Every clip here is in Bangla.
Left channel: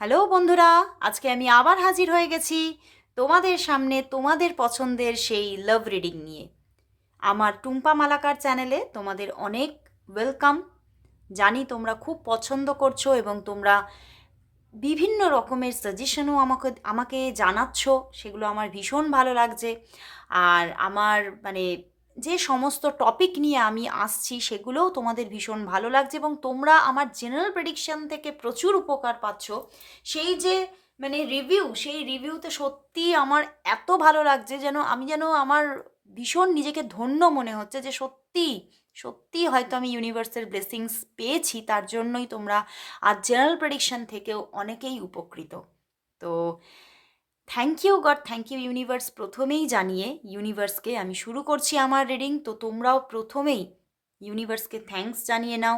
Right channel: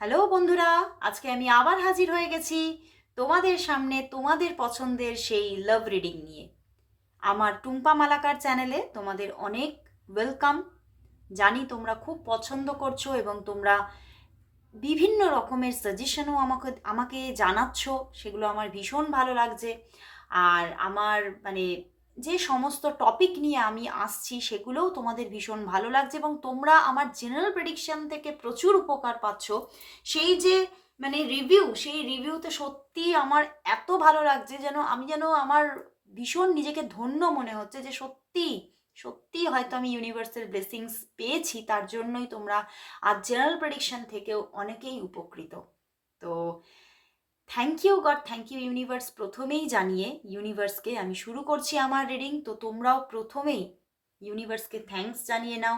হ্যালো বন্ধুরা, আজকে আমি আবার হাজির হয়ে গেছি তোমাদের সামনে তোমাদের পছন্দের সেই লাভ রিডিং নিয়ে। আমার টুম্পা মালাকার চ্যানেলে তোমাদের অনেক ওয়েলকাম জানি তোমরা খুব পছন্দ করছ এবং তোমরা বিভিন্ন রকমের সাজেশনও আমাকে আমাকে জানাচ্ছ, সেগুলো আমার ভীষণ ভালো লাগছে। আর আমার মানে যে সমস্ত টপিক নিয়ে আমি আসছি সেগুলোও তোমাদের ভীষণ ভালো লাগছে এবং তোমরা আমার জেনারেল প্রেডিকশন থেকে প্রচুর উপকার পাচ্ছ। সেই যে মানে রিভিউ সেই রিভিউতে সত্যি আমার এত ভালো লাগছে যেন আমি যেন আমার ভীষণ নিজেকে ধন্য মনে হচ্ছে যে সত্যি সত্যি হয়তো আমি ইউনিভার্সের ব্লেসিংস পেয়েছি, তার জন্যই তোমরা আর জেনারেল প্রেডিকশন থেকেও অনেকেই উপকৃত। তো thank you God thank you universe প্রথমেই জানিয়ে ইউনিভার্সকে আমি শুরু করছি আমার রিডিং তো তোমরাও প্রথমেই ইউনিভার্সকে থ্যাঙ্কস জানিয়ে নাও।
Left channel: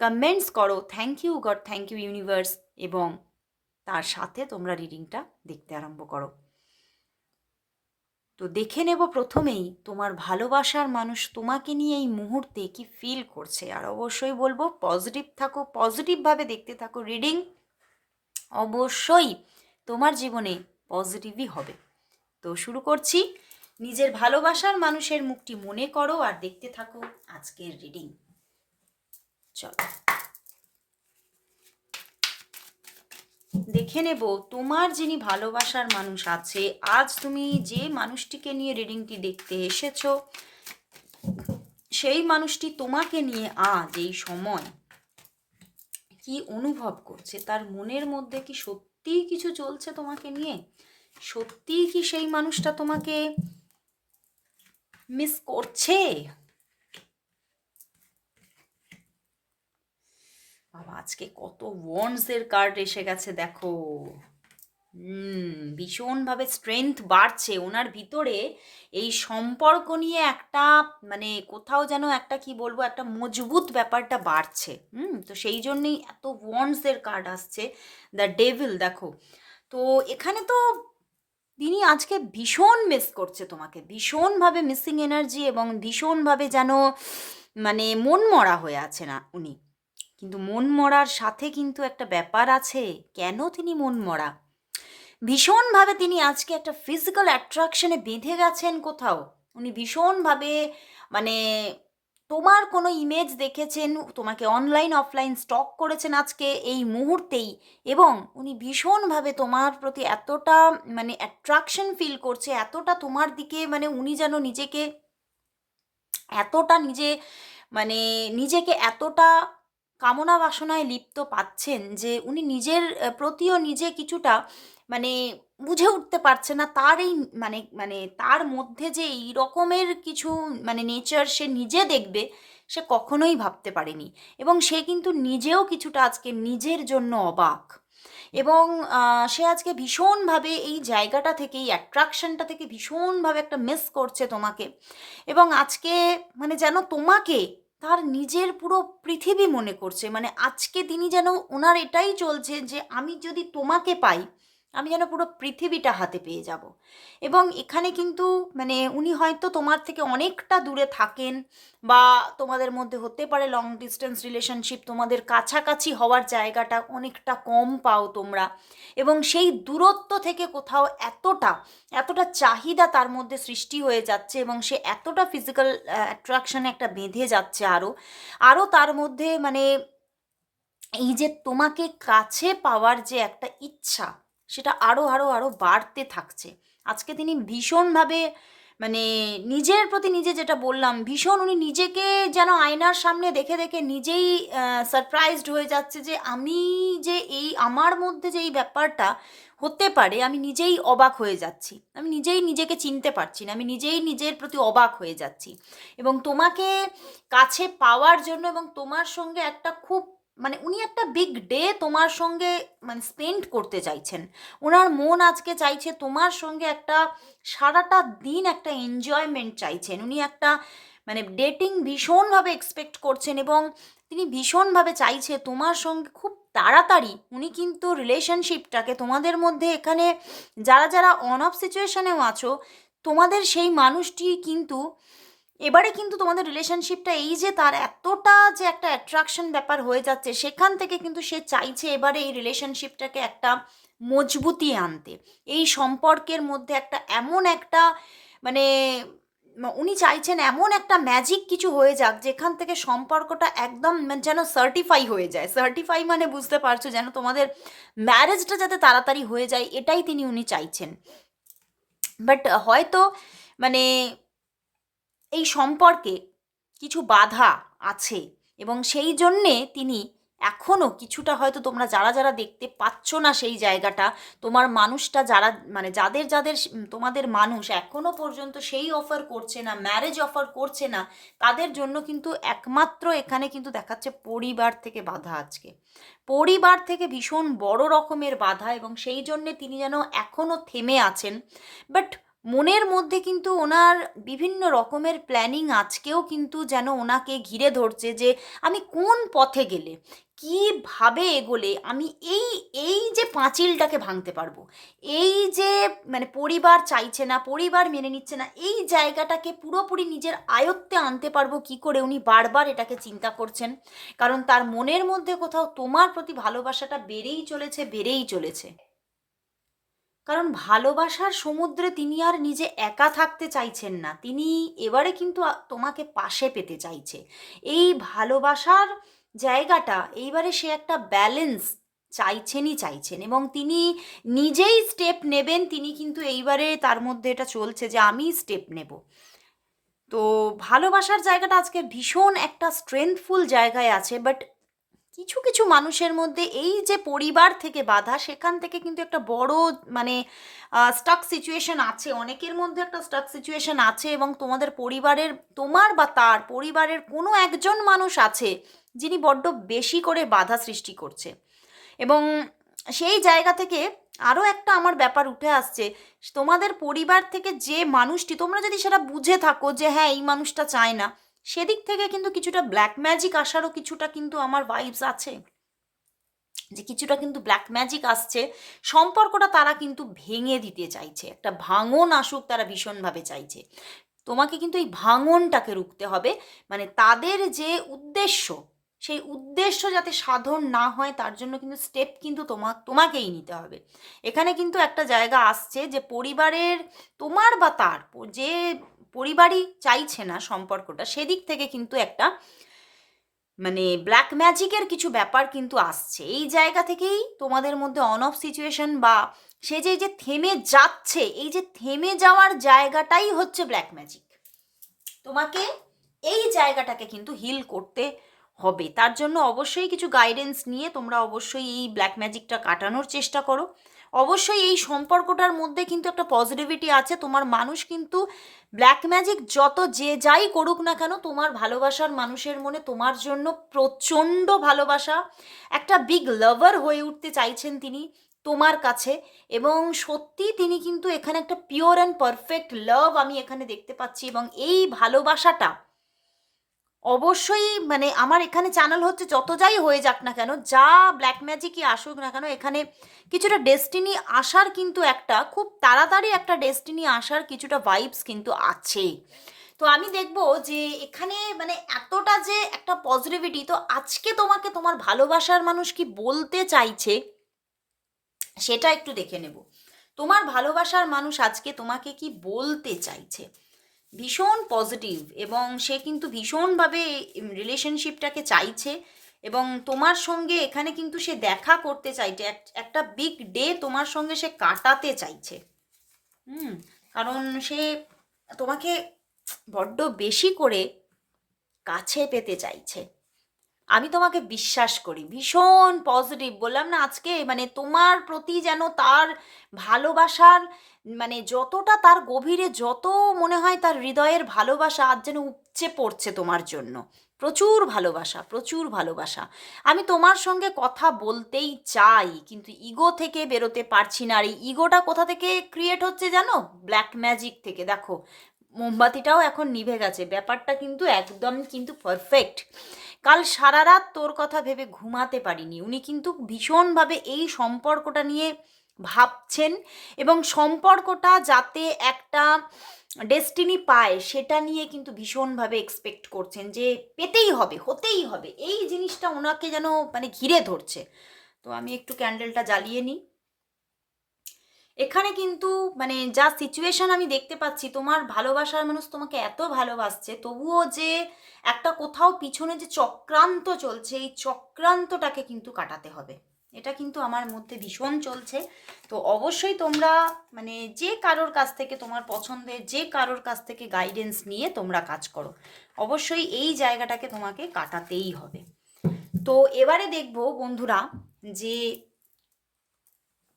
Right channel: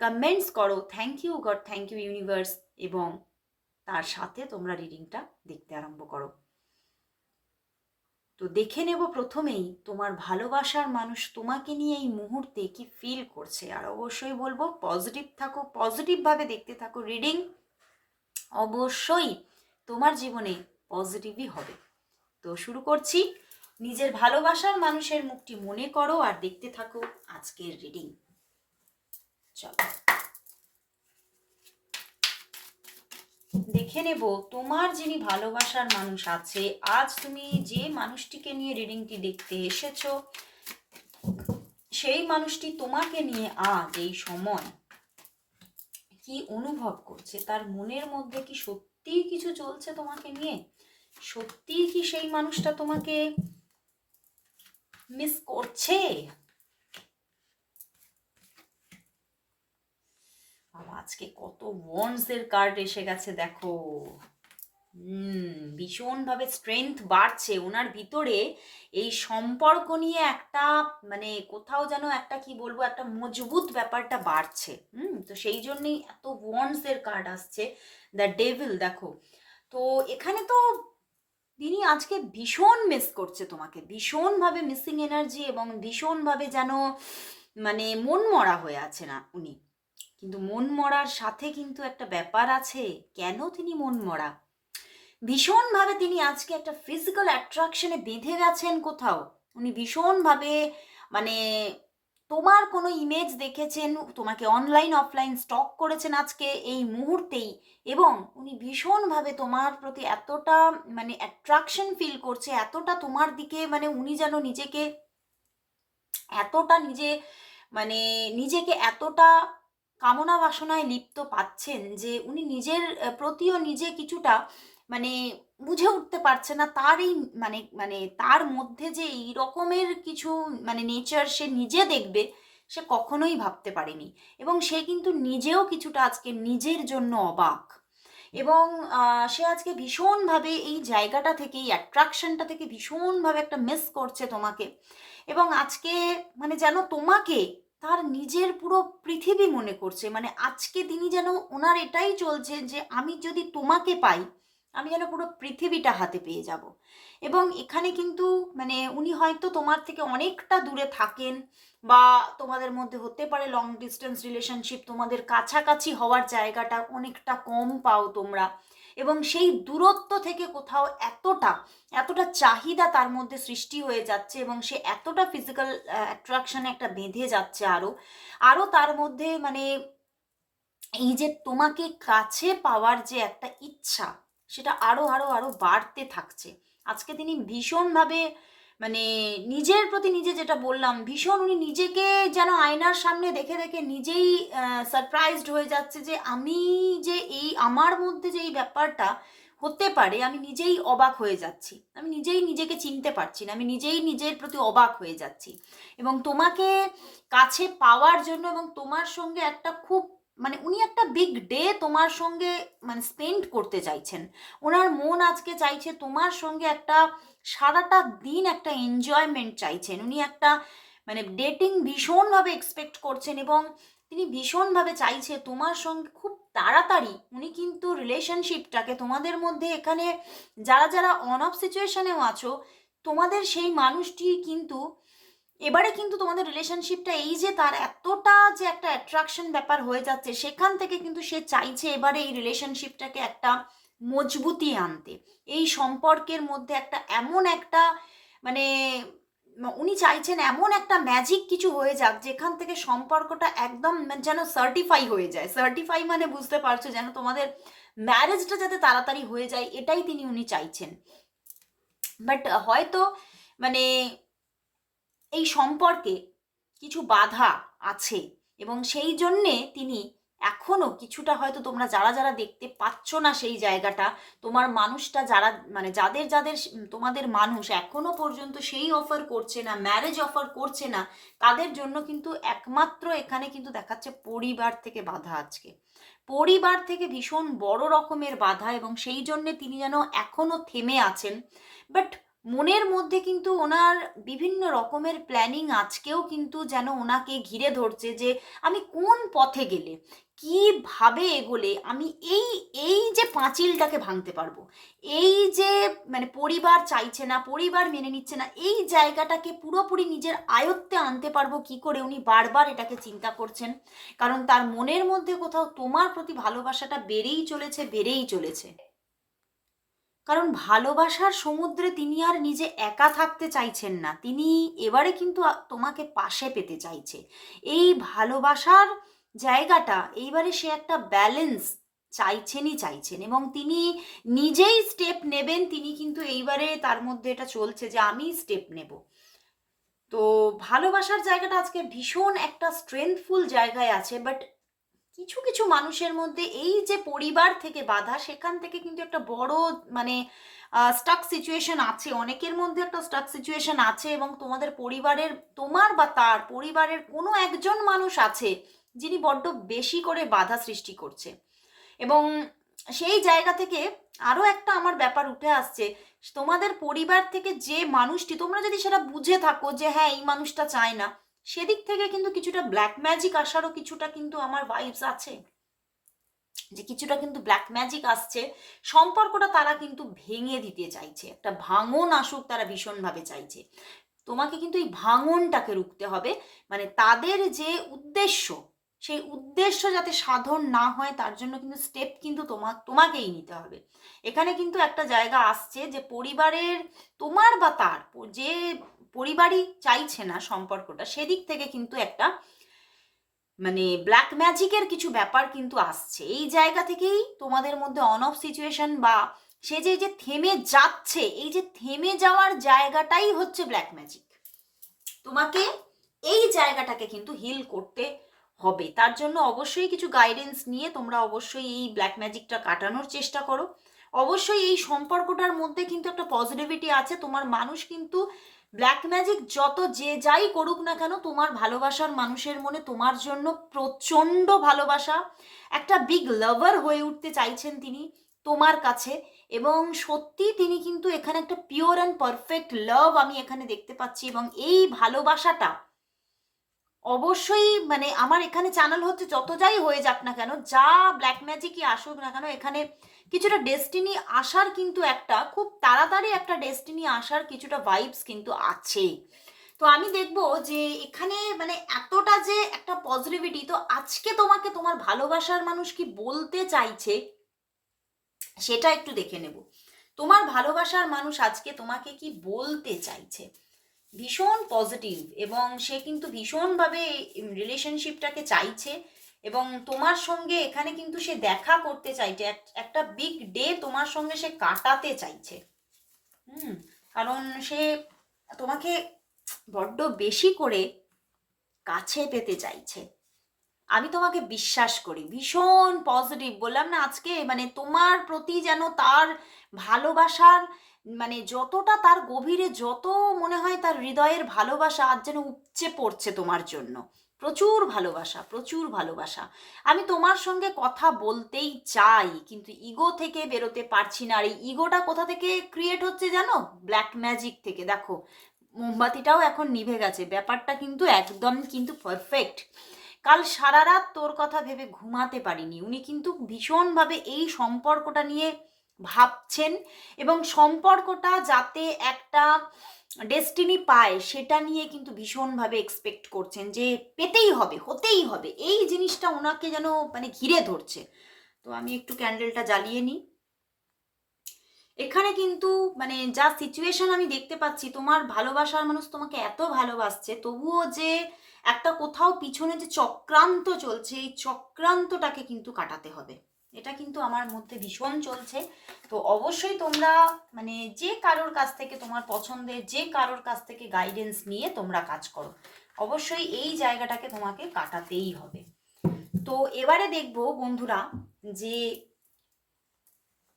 কমেন্টস করো। Thank you God thank you universe এবং তার সাথে তোমরা রিডিংটা দেখতে আরম্ভ করো। তো দেখে নেব প্রথমেই তোমার ভালোবাসার মানুষ তোমাকে নিয়ে এই মুহূর্তে কি ফিল করছে? আর অবশ্যই বলব পজিটিভ থাকো। পজিটিভভাবে দেখতে থাকো। রিডিং অবশ্যই তোমার জীবনে পজিটিভই হবে। তো শুরু করছি। নিজের ভালোবাসার মানুষের মুখটি মনে করো আর দেখতে থাকো আজকের রিডিং চলো। দেখে নেব তোমার যিনি ভালোবাসার মানুষ আছে, আজ তুমি যে মানুষটিকে নিয়ে রিডিংটি দেখতে এসেছ, সেই মানুষটি তোমাকে নিয়ে আজ এই সময় কি অনুভব করছে? তার মনের মধ্যে কি সত্যিই কিছু চলছে তোমাকে নিয়ে? সত্যিই কি সেই মানুষটা তোমাকে মিস করছে? আজকে কত ওয়ান্ডসের কার্ড এসে গেছে, দেখো। হুম, ভীষণভাবে স্ট্রেংথ বাড়ছে। ওনার ভিতরে এই সম্পর্ক নিয়ে একটা মানে কোথাও যেন একটা কি বলব, একটা মজবুত ব্যাপারটা বাড়ছে। হুম, তো সেই জন্যই এত ওয়ান্ডসের কার্ড আসছে। দ্য ডেভিল দেখো। তো এখানে তো তিনি আজকে ভীষণ মিস করছে তোমাকে। ভীষণভাবে মিসিং এনার্জি এবং ভীষণভাবে যেন মানে মন মরা হয়ে আছে না উনি। কিন্তু মন মরার সাথে কিন্তু একটা ব্যাপার আছে। কেন তিনি মন মরা? ভীষণভাবে তিনি আজকে একটা ফিজিক্যাল অ্যাট্রাকশনে বেঁধে গেছেন কোথাও। উনি ভীষণভাবে মানে তোমার কোনো ইমেজ দেখেছেন, তোমাকে অনলাইন অফলাইন স্টক করেছেন আজকে এই মুহূর্তেই এবং উনি ভীষণভাবে তোমার প্রতি এতটা মানে অ্যাট্রাকশন ফিল করছে, এতটা তোমার দিকে মানে উনি যেন নিজেকে এতটা নিজে মানে নিজেকে এতটা কামনা বাসনায় লিপ্ত পাচ্ছেন যে উনি নিজের, প্রতিও নিজে কিছুটা মানে বুঝে উঠতে পারছে না তার এই মানে মানে তার মধ্যে যে এই রকমের কিছু মানে নেচার সে নিজে দেখবে, সে কখনোই ভাবতে পারেনি। এবং সে কিন্তু নিজেও কিছুটা আজকে নিজের জন্য অবাক। এবং সে আজকে ভীষণভাবে এই জায়গাটা থেকে, এই অ্যাট্রাকশনটা থেকে ভীষণভাবে একটা মিস করছে তোমাকে। এবং আজকে মানে যেন তোমাকে তার নিজের পুরো পৃথিবী মনে করছে। মানে আজকে তিনি যেন ওনার এটাই চলছে যে, আমি যদি তোমাকে পাই আমি যেন পুরো পৃথিবীটা হাতে পেয়ে যাব। এবং এখানে কিন্তু মানে উনি হয়তো তোমার থেকে অনেকটা দূরে থাকেন বা তোমাদের মধ্যে হতে পারে লং ডিস্টেন্স রিলেশনশিপ তোমাদের কাছাকাছি হওয়ার জায়গাটা অনেকটা কম পাও তোমরা। এবং সেই দূরত্ব থেকে কোথাও এতটা এতটা চাহিদা তার মধ্যে সৃষ্টি হয়ে যাচ্ছে এবং সে এতটা ফিজিক্যাল অ্যাট্রাকশনে একটা বেঁধে যাচ্ছে আরও আরও তার মধ্যে মানে এই যে তোমাকে কাছে পাওয়ার যে একটা ইচ্ছা সেটা আরও আরও আরও বাড়তে থাকছে। আজকে তিনি ভীষণভাবে মানে নিজের প্রতি নিজে যেটা বললাম, ভীষণ উনি নিজেকে যেন আয়নার সামনে দেখে দেখে নিজেই সারপ্রাইজড হয়ে যাচ্ছে যে আমি যে এই আমার মধ্যে যে এই ব্যাপারটা হতে পারে, আমি নিজেই অবাক হয়ে যাচ্ছি। আমি নিজেই নিজেকে চিনতে পারছি না, আমি নিজেই নিজের প্রতি অবাক হয়ে যাচ্ছি। এবং তোমাকে কাছে পাওয়ার জন্য এবং তোমার সঙ্গে একটা খুব মানে উনি একটা বিগ ডে তোমার সঙ্গে মানে স্পেন্ড করতে চাইছেন। ওনার মন আজকে চাইছে তোমার সঙ্গে একটা সারাটা দিন একটা এনজয়মেন্ট চাইছেন। উনি একটা মানে ডেটিং ভীষণভাবে এক্সপেক্ট করছেন এবং তিনি ভীষণভাবে চাইছে তোমার সঙ্গে খুব তাড়াতাড়ি, উনি কিন্তু রিলেশনশিপটাকে তোমাদের মধ্যে এখানে যারা যারা অন অফ সিচুয়েশনেও আছো, তোমাদের সেই মানুষটি কিন্তু এবারে কিন্তু তোমাদের রিলেশনশিপটা এই যে তার এতটা যে একটা অ্যাট্রাকশন ব্যাপার হয়ে যাচ্ছে, সেখান থেকে কিন্তু সে চাইছে এবারে এই রিলেশনশিপটাকে একটা মজবুতি আনতে। এই সম্পর্কের মধ্যে একটা এমন একটা মানে উনি চাইছেন এমন একটা ম্যাজিক কিছু হয়ে যাক, যেখান থেকে সম্পর্কটা একদম যেন সার্টিফাই হয়ে যায়। সার্টিফাই মানে বুঝতে পারছ, যেন তোমাদের ম্যারেজটা যাতে তাড়াতাড়ি হয়ে যায়, এটাই তিনি উনি চাইছেন। বাট হয়তো মানে এই সম্পর্কে কিছু বাধা আছে এবং সেই জন্যে তিনি এখনও কিছুটা হয়তো তোমরা যারা যারা দেখতে পাচ্ছ না সেই জায়গাটা, তোমার মানুষটা যারা মানে যাদের যাদের তোমাদের মানুষ এখনও পর্যন্ত সেই অফার করছে না ম্যারেজ অফার করছে না, তাদের জন্য কিন্তু একমাত্র এখানে কিন্তু দেখাচ্ছে পরিবার থেকে বাধা আজকে। পরিবার থেকে ভীষণ বড় রকমের বাধা এবং সেই জন্যে তিনি যেন এখনও থেমে আছেন। বাট মনের মধ্যে কিন্তু ওনার বিভিন্ন রকমের প্ল্যানিং আজকেও কিন্তু যেন ওনাকে ঘিরে ধরছে যে আমি কোন পথে গেলে, কীভাবে এগোলে, আমি এই এই যে পাঁচিলটাকে ভাঙতে পারব, এই যে মানে পরিবার চাইছে না, পরিবার মেনে নিচ্ছে না, এই জায়গাটাকে পুরোপুরি নিজের আয়ত্তে আনতে পারব কি করে উনি বারবার এটাকে চিন্তা করছেন? কারণ তার মনের মধ্যে কোথাও তোমার প্রতি ভালোবাসাটা বেড়েই চলেছে বেড়েই চলেছে। কারণ ভালোবাসার সমুদ্রে তিনি আর নিজে একা থাকতে চাইছেন না। তিনি এবারে কিন্তু তোমাকে পাশে পেতে চাইছে। এই ভালোবাসার জায়গাটা এইবারে সে একটা ব্যালেন্স চাইছেনই চাইছেন এবং তিনি নিজেই স্টেপ নেবেন, তিনি কিন্তু এইবারে তার মধ্যে এটা চলছে যে আমি স্টেপ নেব। তো ভালোবাসার জায়গাটা আজকে ভীষণ একটা স্ট্রেংথফুল জায়গায় আছে বাট কিছু কিছু মানুষের মধ্যে এই যে পরিবার থেকে বাধা, সেখান থেকে কিন্তু একটা বড় মানে স্টাক সিচুয়েশন আছে। অনেকের মধ্যে একটা স্টাক সিচুয়েশন আছে এবং তোমাদের পরিবারের, তোমার বা তার পরিবারের কোনো একজন মানুষ আছে যিনি বড্ড বেশি করে বাধা সৃষ্টি করছে। এবং সেই জায়গা থেকে আরও একটা আমার ব্যাপার উঠে আসছে, তোমাদের পরিবার থেকে যে মানুষটি, তোমরা যদি সেটা বুঝে থাকো যে হ্যাঁ এই মানুষটা চায় না সেদিক থেকে কিন্তু কিছুটা ব্ল্যাক ম্যাজিক আসারও কিছুটা কিন্তু আমার ভাইবস আছে। যে কিছুটা কিন্তু ব্ল্যাক ম্যাজিক আসছে, সম্পর্কটা তারা কিন্তু ভেঙে দিতে চাইছে, একটা ভাঙন আসুক তারা ভীষণভাবে চাইছে। তোমাকে কিন্তু এই ভাঙনটাকে রুখতে হবে মানে তাদের যে উদ্দেশ্য, সেই উদ্দেশ্য যাতে সাধন না হয়, তার জন্য কিন্তু স্টেপ কিন্তু তোমা, তোমাকেই নিতে হবে। এখানে কিন্তু একটা জায়গা আসছে যে পরিবারের তোমার বা তার, যে পরিবারই চাইছে না সম্পর্কটা, সেদিক থেকে কিন্তু একটা মানে ব্ল্যাক ম্যাজিকের কিছু ব্যাপার কিন্তু আসছে। এই জায়গা থেকেই তোমাদের মধ্যে অন অফ সিচুয়েশন বা সে যে যে থেমে যাচ্ছে, এই যে থেমে যাওয়ার জায়গাটাই হচ্ছে ব্ল্যাক ম্যাজিক তোমাকে এই জায়গাটাকে কিন্তু হিল করতে হবে। তার জন্য অবশ্যই কিছু গাইডেন্স নিয়ে তোমরা অবশ্যই এই ব্ল্যাক ম্যাজিকটা কাটানোর চেষ্টা করো। অবশ্যই এই সম্পর্কটার মধ্যে কিন্তু একটা পজিটিভিটি আছে। তোমার মানুষ কিন্তু ব্ল্যাক ম্যাজিক যত যে যাই করুক না কেন, তোমার ভালোবাসার মানুষের মনে তোমার জন্য প্রচণ্ড ভালোবাসা। একটা বিগ লাভার হয়ে উঠতে চাইছেন তিনি তোমার কাছে এবং সত্যি তিনি কিন্তু এখানে একটা পিওর অ্যান্ড পারফেক্ট লাভ আমি এখানে দেখতে পাচ্ছি এবং এই ভালোবাসাটা অবশ্যই মানে আমার এখানে চ্যানেল হচ্ছে যত যাই হয়ে যাক না কেন, যা ব্ল্যাক ম্যাজিকই আসুক না কেন, এখানে কিছুটা ডেস্টিনি আসার কিন্তু একটা, খুব তাড়াতাড়ি একটা ডেস্টিনি আসার কিছুটা ভাইবস কিন্তু আছে তো আমি দেখব যে এখানে মানে এতটা যে একটা পজিটিভিটি তো আজকে তোমাকে তোমার ভালোবাসার মানুষ কি বলতে চাইছে, সেটা একটু দেখে নেব। তোমার ভালোবাসার মানুষ আজকে তোমাকে কি বলতে চাইছে? ভীষণ পজিটিভ এবং সে কিন্তু ভীষণভাবে রিলেশনশিপটাকে চাইছে। এবং তোমার সঙ্গে এখানে কিন্তু সে দেখা করতে চাইছে একটা বিগ ডে তোমার সঙ্গে সে কাটাতে চাইছে। হুম, কারণ সে তোমাকে বড্ড বেশি করে কাছে পেতে চাইছে। আমি তোমাকে বিশ্বাস করি, ভীষণ পজিটিভ বললাম না, আজকে মানে তোমার প্রতি যেন তার ভালোবাসার মানে যতটা তার গভীরে যত মনে হয় তার হৃদয়ের ভালোবাসা আজ যেন উপচে পড়ছে তোমার জন্য। প্রচুর ভালোবাসা প্রচুর ভালোবাসা। আমি তোমার সঙ্গে কথা বলতেই চাই, কিন্তু ইগো থেকে বেরোতে পারছি না। আর এই ইগোটা কোথা থেকে ক্রিয়েট হচ্ছে জানো? ব্ল্যাক ম্যাজিক থেকে। দেখো, মোমবাতিটাও এখন নিভে গেছে। ব্যাপারটা কিন্তু একদম কিন্তু পারফেক্ট কাল সারা রাত তোর কথা ভেবে ঘুমাতে পারিনি। উনি কিন্তু ভীষণভাবে এই সম্পর্কটা নিয়ে ভাবছেন এবং সম্পর্কটা যাতে একটা ডেস্টিনি পায়, সেটা নিয়ে কিন্তু ভীষণভাবে এক্সপেক্ট করছেন যে পেতেই হবে, হতেই হবে। এই জিনিসটা ওনাকে যেন মানে ঘিরে ধরছে। তো আমি একটু ক্যান্ডেলটা জ্বালিয়ে নিই। এখানে কিন্তু মানে যা সিচুয়েশন আমি দেখতে পাচ্ছি, তোমার ভালোবাসার মানুষ তোমাকে এত ভালোবাসছে, তবুও যে একটা কোথাও পিছনে যে চক্রান্ত চলছে, এই চক্রান্তটাকে কিন্তু কাটাতে হবে। এটা কিন্তু আমার মধ্যে ভীষণ চলছে। তো অবশ্যই তোমরা মানে যে কারোর কাছ থেকে তোমার পছন্দের যে কারোর কাছ থেকে গাইডেন্স নিয়ে তোমরা কাজ করো। অবশ্যই এই জায়গাটাকে তোমাকে কাটাতেই হবে। তো এবারে দেখব বন্ধুরা যে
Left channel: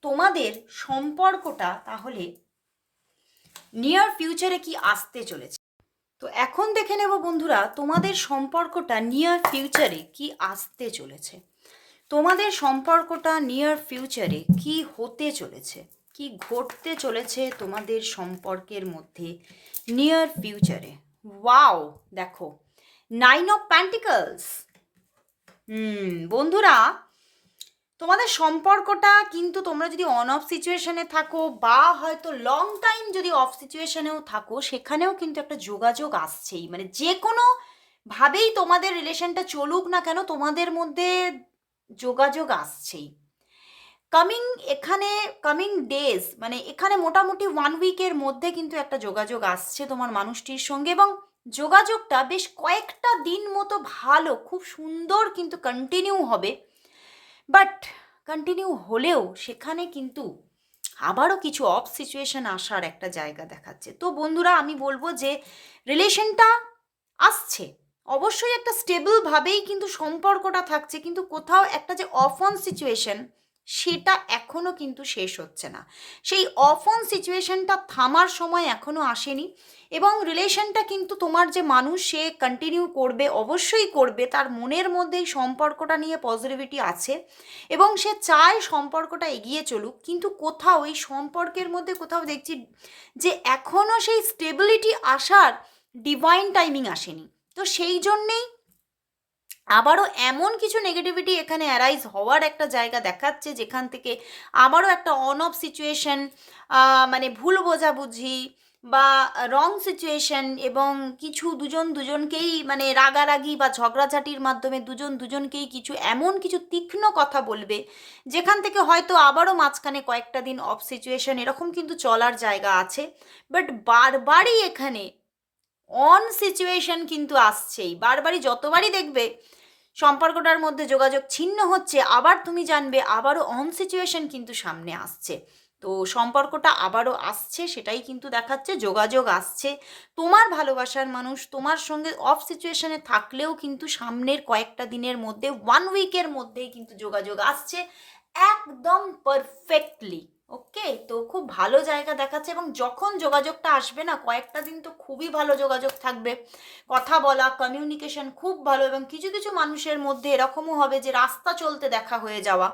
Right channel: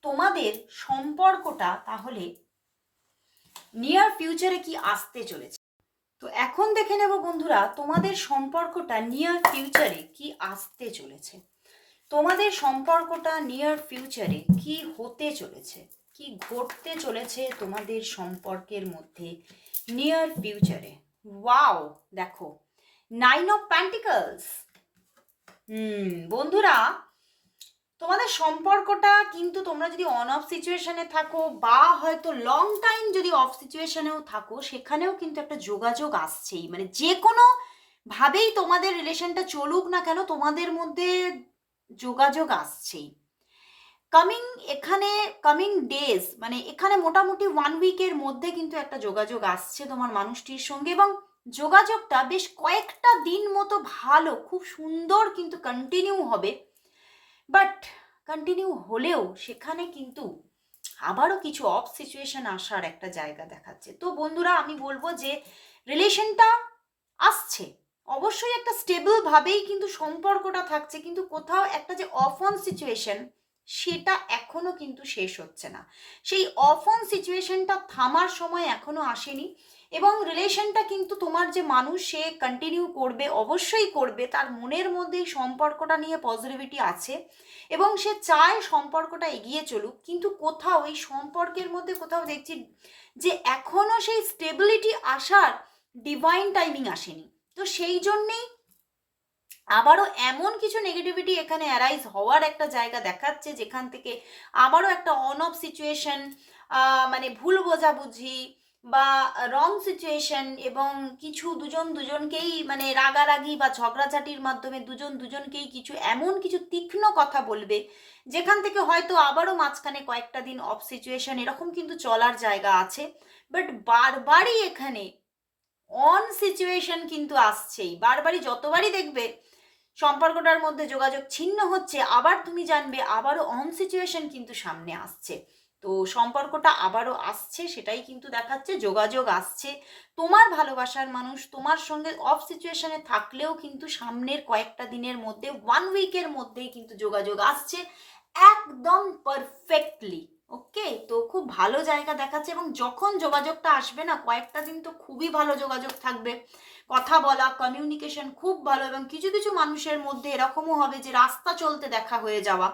তোমাদের সম্পর্কটা তাহলে নিয়ার ফিউচারে কি আসতে চলেছে? তো এখন দেখে নেব বন্ধুরা তোমাদের সম্পর্কটা নিয়ার ফিউচারে কি আসতে চলেছে। তোমাদের সম্পর্কটা নিয়ার ফিউচারে কি হতে চলেছে? কি ঘটতে চলেছে তোমাদের সম্পর্কের মধ্যে নিয়ার ফিউচারে ওয়াও দেখো নাইন অফ প্যান্টিকলস হুম, বন্ধুরা, তোমাদের সম্পর্কটা কিন্তু তোমরা যদি অন অফ সিচুয়েশনে থাকো বা হয়তো লং টাইম যদি অফ সিচুয়েশনেও থাকো, সেখানেও কিন্তু একটা যোগাযোগ আসছেই। মানে যে কোনো ভাবেই তোমাদের রিলেশনটা চলুক না কেন, তোমাদের মধ্যে যোগাযোগ আসছেই। কামিং এখানে কামিং ডেজ মানে এখানে মোটামুটি ওয়ান উইকের মধ্যে কিন্তু একটা যোগাযোগ আসছে তোমার মানুষটির সঙ্গে এবং যোগাযোগটা বেশ কয়েকটা দিন মতো ভালো, খুব সুন্দর কিন্তু কন্টিনিউ হবে। বাট কন্টিনিউ হলেও সেখানে কিন্তু আবারও কিছু অফ সিচুয়েশন আসার একটা জায়গা দেখাচ্ছে। তো বন্ধুরা, আমি বলব যে রিলেশনটা আসছে। অবশ্যই একটা স্টেবলভাবেই কিন্তু সম্পর্কটা থাকছে, কিন্তু কোথাও একটা যে অফ অন সিচুয়েশন সেটা এখনও কিন্তু শেষ হচ্ছে না। সেই অফ অন সিচুয়েশনটা থামার সময় এখনও আসেনি এবং রিলেশনটা কিন্তু তোমার যে মানুষ সে কন্টিনিউ করবে, অবশ্যই করবে, তার মনের মধ্যে সম্পর্কটা নিয়ে পজিটিভিটি আছে এবং সে চায় সম্পর্কটা এগিয়ে চলুক, কিন্তু কোথাও এই সম্পর্কের মধ্যে কোথাও দেখছি যে এখনও সেই স্টেবিলিটি আসার ডিভাইন টাইমিং আসেনি। তো সেই জন্যেই আবারও এমন কিছু নেগেটিভিটি এখানে অ্যারাইজ হওয়ার একটা জায়গা দেখাচ্ছে, যেখান থেকে আবারও একটা অন অফ সিচুয়েশন মানে ভুল বোঝাবুঝি বা রং সিচুয়েশন এবং কিছু দুজন দুজনকেই মানে রাগারাগি বা ঝগড়াঝাটির মাধ্যমে দুজন দুজনকেই কিছু এমন কিছু তীক্ষ্ণ কথা বলবে, যেখান থেকে হয়তো আবারও মাঝখানে কয়েকটা দিন অফ সিচুয়েশন এরকম কিন্তু চলার জায়গা আছে বাট বারবারই এখানে অন সিচুয়েশন কিন্তু আসছেই। বারবারই যতবারই দেখবে, সম্পর্কটার মধ্যে যোগাযোগ ছিন্ন হচ্ছে, আবার তুমি জানবে আবারও অন সিচুয়েশন কিন্তু সামনে আসছে। তো সম্পর্কটা আবারও আসছে, সেটাই কিন্তু দেখাচ্ছে, যোগাযোগ আসছে। তোমার ভালোবাসার মানুষ, তোমার সঙ্গে অফ সিচুয়েশনে থাকলেও কিন্তু সামনের কয়েকটা দিনের মধ্যে ওয়ান উইকের মধ্যেই কিন্তু যোগাযোগ আসছে, একদম পারফেক্টলি ওকে, তো খুব ভালো জায়গা দেখাচ্ছে এবং যখন যোগাযোগটা আসবে না, কয়েকটা দিন তো খুবই ভালো যোগাযোগ থাকবে। কথা বলা কমিউনিকেশন খুব ভালো এবং কিছু কিছু মানুষের মধ্যে এরকমও হবে যে রাস্তা চলতে দেখা হয়ে যাওয়া।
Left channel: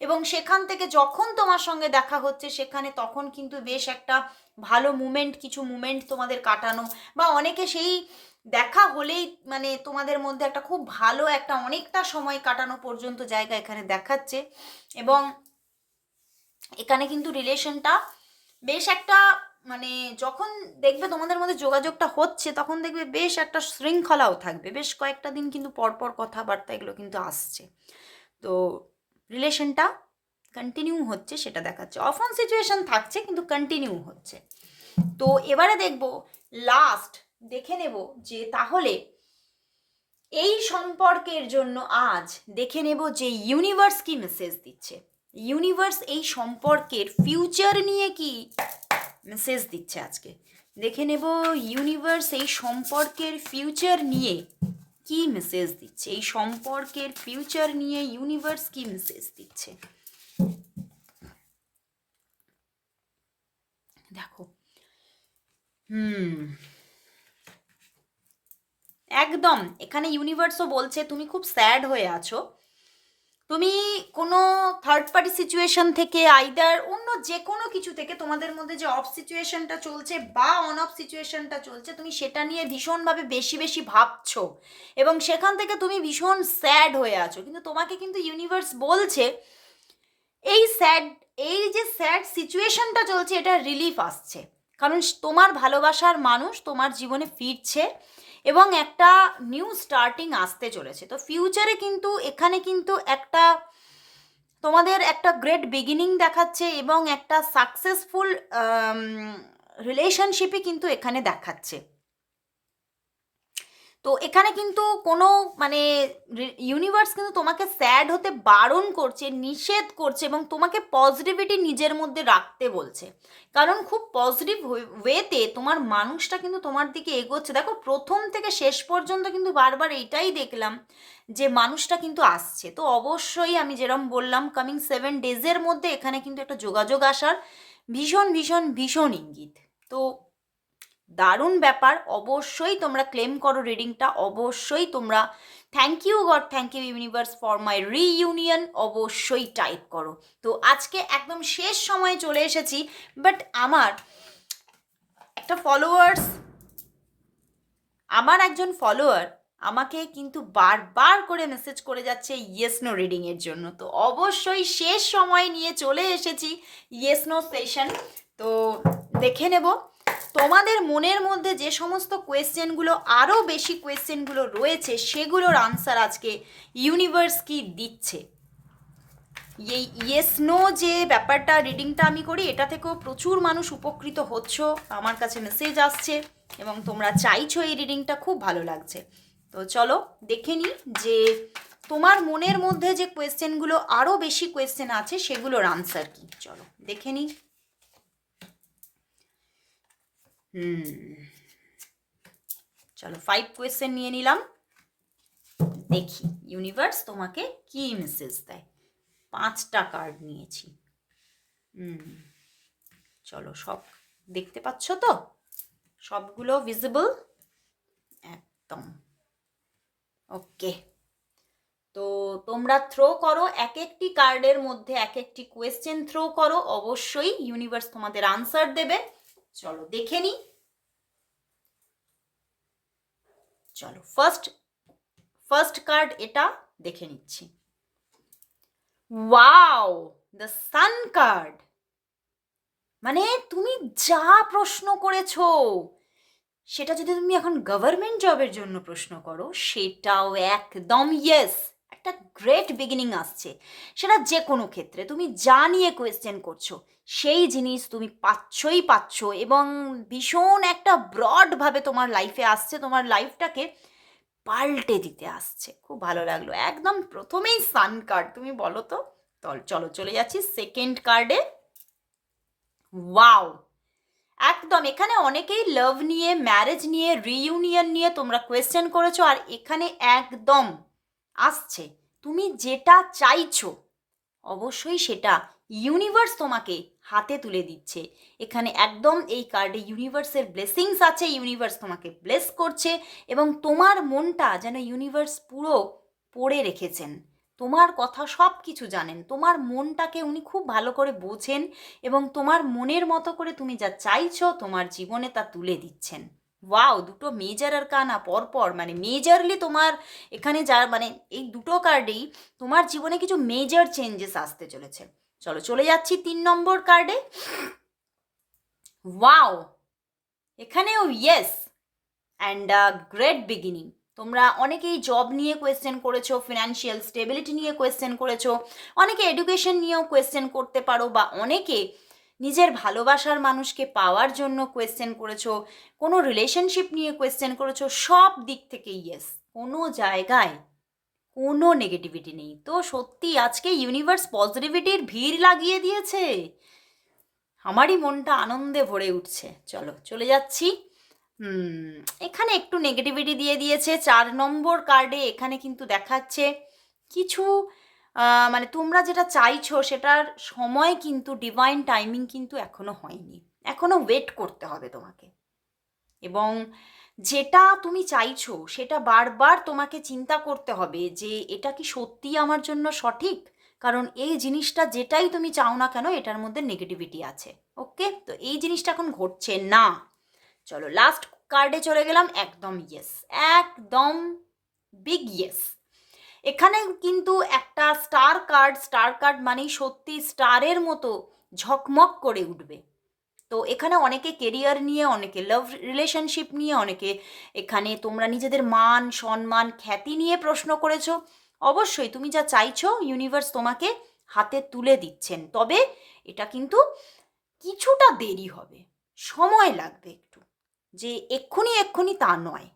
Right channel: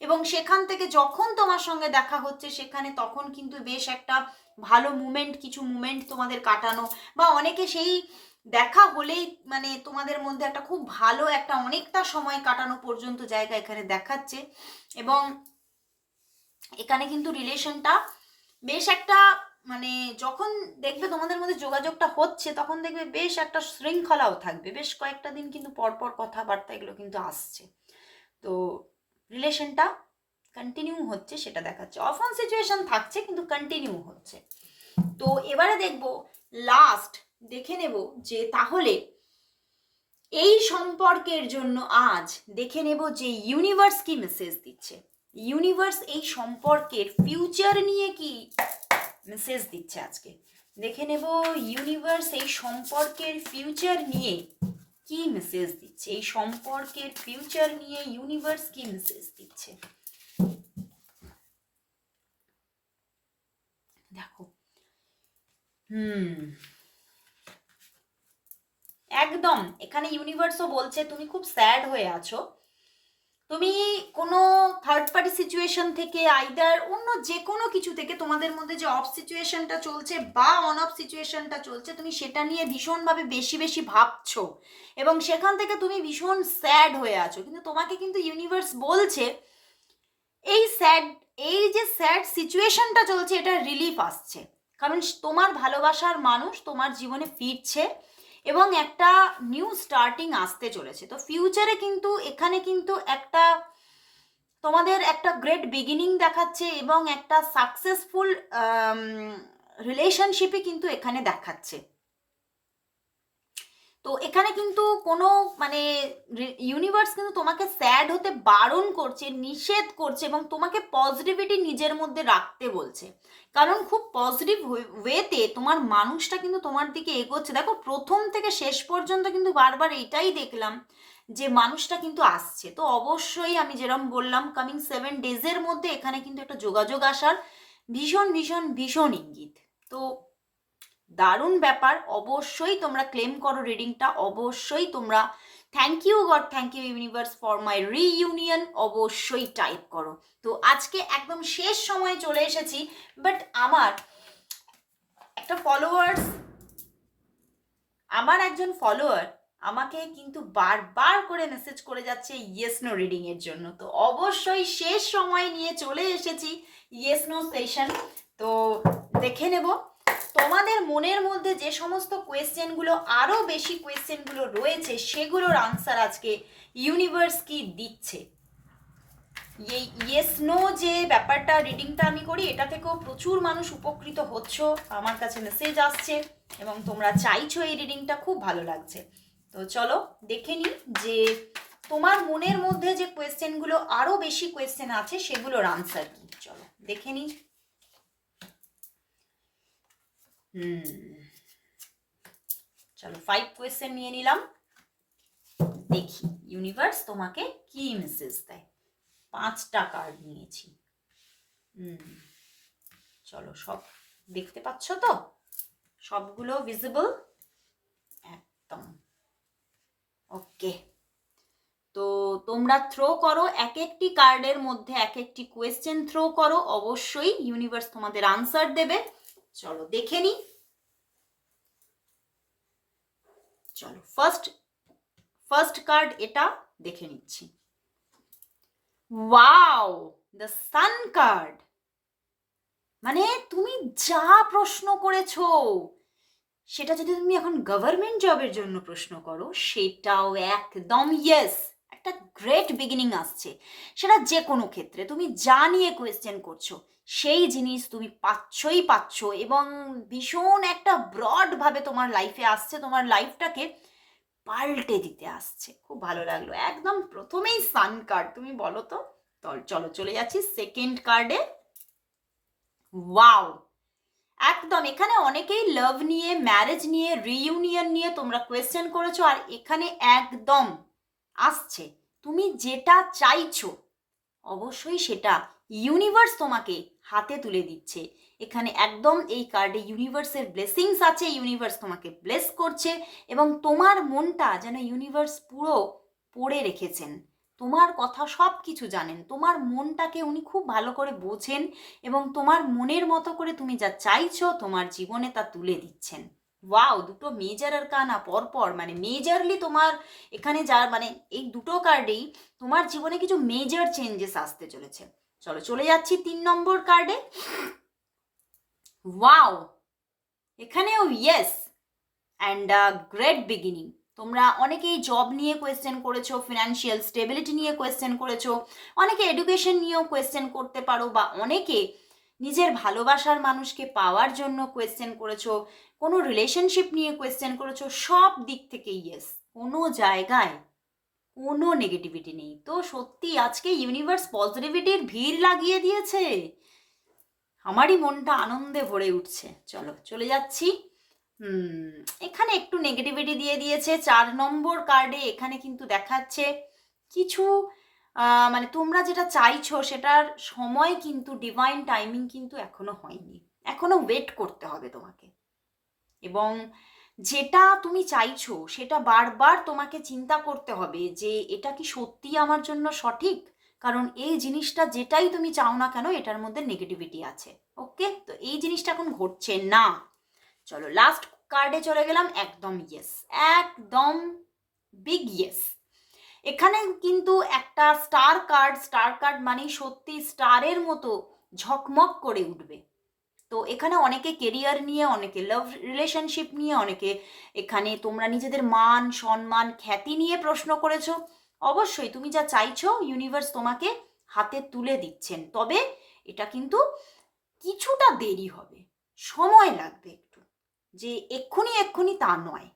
এবং সেখান থেকে যখন তোমার সঙ্গে দেখা হচ্ছে, সেখানে তখন কিন্তু বেশ একটা ভালো মুমেন্ট কিছু মুমেন্ট তোমাদের কাটানো বা অনেকে সেই দেখা হলেই মানে তোমাদের মধ্যে একটা খুব ভালো একটা অনেকটা সময় কাটানো পর্যন্ত জায়গা এখানে দেখাচ্ছে। এবং এখানে কিন্তু রিলেশনটা বেশ একটা মানে যখন দেখবে তোমাদের মধ্যে যোগাযোগটা হচ্ছে, তখন দেখবে বেশ একটা শৃঙ্খলাও থাকবে। বেশ কয়েকটা দিন কিন্তু পরপর কথাবার্তা এগুলো কিন্তু আসছে। তো রিলেশনটা কন্টিনিউ হচ্ছে, সেটা দেখাচ্ছে। অফ অন সিচুয়েশন থাকছে, কিন্তু কন্টিনিউ হচ্ছে। তো এবারে দেখব লাস্ট দেখে নেব যে তাহলে এই সম্পর্কের জন্য আজ দেখে নেব যে ইউনিভার্স কি মেসেজ দিচ্ছে। ইউনিভার্স এই সম্পর্কের ফিউচার নিয়ে কি মেসেজ দিচ্ছে আজকে? দেখে নেব ইউনিভার্স এই সম্পর্কের ফিউচার নিয়ে কি মেসেজ দিচ্ছে? এই সম্পর্কের ফিউচার নিয়ে ইউনিভার্স কি মেসেজ দিচ্ছে? দেখো, হুম, একদম, এখানে ইউনিভার্সও বলছে, তুমি খুব স্যাড হয়ে আছো। তুমি কোনো থার্ড পার্টি সিচুয়েশন থেকে আইদার অন্য যে কোনো কিছু থেকে তোমাদের মধ্যে যে অফ সিচুয়েশনটা চলছে বা অন অফ সিচুয়েশনটা চলছে, তুমি সেটা নিয়ে ভীষণভাবে বেশি বেশি ভাবছ এবং সেখান থেকে তুমি ভীষণ স্যাড হয়ে আছো। কিন্তু তোমাকে কিন্তু ইউনিভার্স বলছে, এই স্যাড এই যে স্যাড সিচুয়েশনটা চলছে, এটা রিলিফ আসছে। কারণ তোমার ভালোবাসার মানুষ তোমার জীবনে ফিরছে। এবং একটা নিউ স্টার্টিং আসতে চলেছে। তো ফিউচারে কিন্তু, এখানে কিন্তু একটা, তোমাদের একটা গ্রেট বিগিনিং দেখাচ্ছে এবং একটা সাকসেসফুল রিলেশনশিপই কিন্তু এখানে দেখাচ্ছে। তো এখানে কিন্তু কোনো মানে ইউনিভার্স কিন্তু তোমাকে স্যাড হতে বারণ করছে, নিষেধ করছে এবং তোমাকে পজিটিভিটি নিজের মধ্যে রাখতে বলছে। কারণ খুব পজিটিভ ওয়েতে তোমার মানুষটা কিন্তু তোমার দিকে এগোচ্ছে। দেখো, প্রথম থেকে শেষ পর্যন্ত কিন্তু বারবার এইটাই দেখলাম যে মানুষটা কিন্তু আসছে। তো অবশ্যই আমি যেরকম বললাম কামিং সেভেন ডেজের মধ্যে এখানে কিন্তু একটা যোগাযোগ আসার ভীষণ ভীষণ ভীষণ ইঙ্গিত। তো দারুণ ব্যাপার। অবশ্যই তোমরা ক্লেম করো রিডিংটা অবশ্যই তোমরা thank you God thank you universe for my reunion অবশ্যই টাইপ করো। তো আজকে একদম শেষ সময় চলে এসেছি বাট আমার একটা ফলোয়ার্স আমার একজন ফলোয়ার আমাকে কিন্তু বারবার করে মেসেজ করে যাচ্ছে ইয়েস নো রিডিংয়ের জন্য। তো অবশ্যই শেষ সময় নিয়ে চলে এসেছি ইয়েস নো সেশন তো দেখে নেব। তোমাদের মনের মধ্যে যে সমস্ত কোয়েশ্চেনগুলো আরও বেশি কোয়েশ্চেনগুলো রয়েছে, সেগুলোর আনসার আজকে ইউনিভার্স কি দিচ্ছে? এই ইয়েস নো যে ব্যাপারটা রিডিংটা আমি করি, এটা থেকেও প্রচুর মানুষ উপকৃত হচ্ছ। আমার কাছে মেসেজ আসছে এবং তোমরা চাইছো এই রিডিংটা খুব ভালো লাগছে। তো চলো দেখে নিই যে তোমার মনের মধ্যে যে কোয়েশ্চেনগুলো আরও বেশি কোয়েশ্চেন আছে, সেগুলোর আনসার কি। চলো দেখে নিই। হুম। চলো ফাইভ কোয়েশ্চেন নিয়ে নিলাম। দেখি ইউনিভার্স তোমাকে কি মেসেজ দেয়? পাঁচটা কার্ড নিয়েছি। হুম। চলো সব, দেখতে পাচ্ছ তো? সবগুলো ভিজিবল একদম। ওকে তো তোমরা থ্রো করো এক একটি কার্ডের মধ্যে এক একটি কোয়েশ্চেন থ্রো করো। অবশ্যই ইউনিভার্স তোমাদের আনসার দেবে। চলো দেখে নি। চলো ফার্স্ট ফার্স্ট কার্ড এটা দেখে নিচ্ছি। ওয়াও দ্য সান কার্ড মানে তুমি যা প্রশ্ন করেছ, সেটা যদি তুমি এখন গভর্নমেন্ট জবের জন্য প্রশ্ন করো, সেটাও একদম ইয়েস একটা গ্রেট বিগিনিং আসছে। সেটা যে কোনো ক্ষেত্রে, তুমি যা নিয়ে কোয়েশ্চেন করছ সেই জিনিস তুমি পাচ্ছই পাচ্ছ এবং ভীষণ একটা ব্রডভাবে তোমার লাইফে আসছে তোমার লাইফটাকে পাল্টে দিতে আসছে। খুব ভালো লাগল। একদম প্রথমেই সান কার্ড তুমি বলো তো? চলো চলে যাচ্ছি সেকেন্ড কার্ডে ওয়াও একদম এখানে অনেকেই লাভ নিয়ে ম্যারেজ নিয়ে রিইউনিয়ন নিয়ে তোমরা কোয়েশ্চেন করেছ আর এখানে একদম আসছে। তুমি যেটা চাইছো অবশ্যই সেটা ইউনিভার্স তোমাকে হাতে তুলে দিচ্ছে। এখানে একদম এই কার্ডে ইউনিভার্সের ব্লেসিংস আছে ইউনিভার্স তোমাকে ব্লেস করছে এবং তোমার মনটা যেন ইউনিভার্স পুরো পড়ে রেখেছেন। তোমার কথা সব কিছু জানেন, তোমার মনটাকে উনি খুব ভালো করে বোঝেন এবং তোমার মনের মতো করে তুমি যা চাইছো তোমার জীবনে তা তুলে দিচ্ছেন। ওয়াও দুটো মেজার আর কানা পরপর মানে মেজারলি তোমার এখানে যা মানে এই দুটো কার্ডেই তোমার জীবনে কিছু মেজর চেঞ্জেস আসতে চলেছে। চলো চলে যাচ্ছি তিন নম্বর কার্ডে ওয়াও এখানেও ইয়েস অ্যান্ড গ্রেট বিগিনিং তোমরা অনেকেই জব নিয়ে কোয়েশ্চেন করেছ ফিনান্সিয়াল স্টেবিলিটি নিয়ে কোয়েশ্চেন করেছ, অনেকে এডুকেশন নিয়েও কোয়েশ্চেন করতে পারো বা অনেকে নিজের ভালোবাসার মানুষকে পাওয়ার জন্য কোয়েশ্চেন করেছ, কোনো রিলেশনশিপ নিয়ে কোয়েশ্চেন করেছ, সব দিক থেকে ইয়েস কোনো জায়গায় কোনো নেগেটিভিটি নেই। তো সত্যি আজকে ইউনিভার্স পজিটিভিটির ভিড় লাগিয়ে দিয়েছে। আমারই মনটা আনন্দে ভরে উঠছে। চলো, চলে যাচ্ছি। এখানে একটু নেগেটিভিটি দিয়ে দিয়েছে। চার নম্বর কার্ডে এখানে কিন্তু দেখাচ্ছে কিছু মানে তোমরা যেটা চাইছো সেটার সময় কিন্তু ডিভাইন টাইমিং কিন্তু এখনও হয়নি। এখনও ওয়েট করতে হবে তোমাকে। এবং যেটা তুমি চাইছো, সেটা বারবার তোমাকে চিন্তা করতে হবে যে এটা কি সত্যি আমার জন্য সঠিক? কারণ এই জিনিসটা যেটাই তুমি চাও না কেন, এটার মধ্যে নেগেটিভিটি আছে। ওকে তো এই জিনিসটা এখন ঘটছে না। চলো লাস্ট কার্ডে চলে গেলাম, একদম ইয়েস একদম বিগ ইয়েস এখানে কিন্তু একটা স্টার কার্ড স্টার কার্ড মানেই সত্যি স্টারের মতো ঝকমক করে উঠবে। তো এখানে অনেকে কেরিয়ার নিয়ে, অনেকে লাভ রিলেশনশিপ নিয়ে, অনেকে এখানে তোমরা নিজেদের মান, সম্মান, খ্যাতি নিয়ে প্রশ্ন করেছ। অবশ্যই তুমি যা চাইছো ইউনিভার্স তোমাকে হাতে তুলে দিচ্ছেন। তবে এটা কিন্তু কিছুটা দেরি হবে, সময় লাগবে একটু, যে এক্ষুনি এক্ষুনি তা নয়,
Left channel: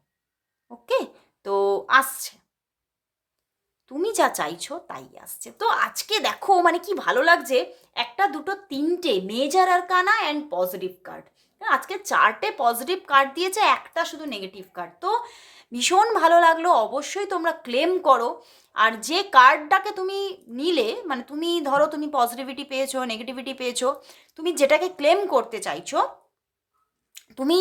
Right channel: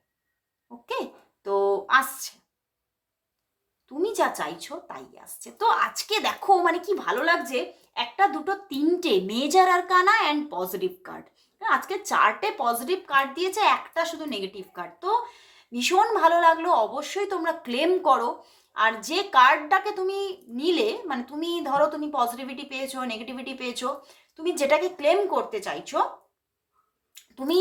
ওকে? তো আসছে। তুমি যা চাইছো তাই আসছে। তো আজকে দেখো মানে কি ভালো লাগছে একটা দুটো তিনটে মেজার আর কানা অ্যান্ড পজিটিভ কার্ড আজকে চারটে পজিটিভ কার্ড দিয়েছে, একটা শুধু নেগেটিভ কার্ড তো ভীষণ ভালো লাগল, অবশ্যই তোমরা ক্লেম করো। আর যে কার্ডটাকে তুমি নিলে মানে তুমি ধরো তুমি পজিটিভিটি পেয়েছ নেগেটিভিটি পেয়েছ, তুমি যেটাকে ক্লেম করতে চাইছো, তুমি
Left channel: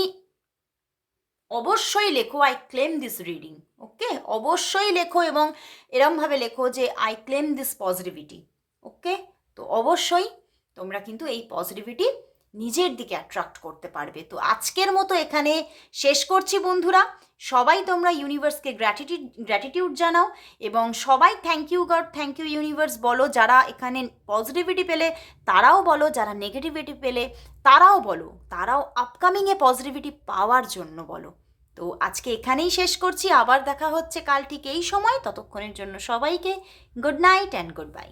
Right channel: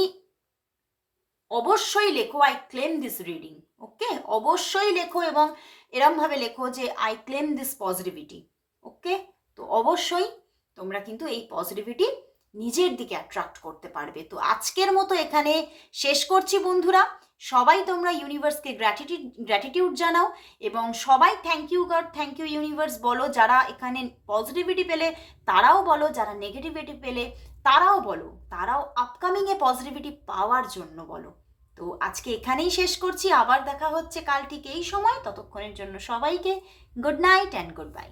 অবশ্যই লেখো I claim this reading okay অবশ্যই লেখো এবং এরমভাবে লেখো যে I claim this positivity okay তো অবশ্যই তোমরা কিন্তু এই পজিটিভিটি নিজের দিকে অ্যাট্রাক্ট করতে পারবে। তো আজকের মতো এখানে শেষ করছি বন্ধুরা। সবাই তোমরা ইউনিভার্সকে গ্র্যাটিটিউড গ্র্যাটিটিউড জানাও এবং সবাই thank you God thank you universe বলো। যারা এখানে পজিটিভিটি পেলে তারাও বলো, যারা নেগেটিভিটি পেলে তারাও বলো। তারাও আপকামিংয়ে পজিটিভিটি পাওয়ার জন্য বলো। তো আজকে এখানেই শেষ করছি। আবার দেখা হচ্ছে কাল ঠিক এই সময়। ততক্ষণের জন্য সবাইকে good night and good bye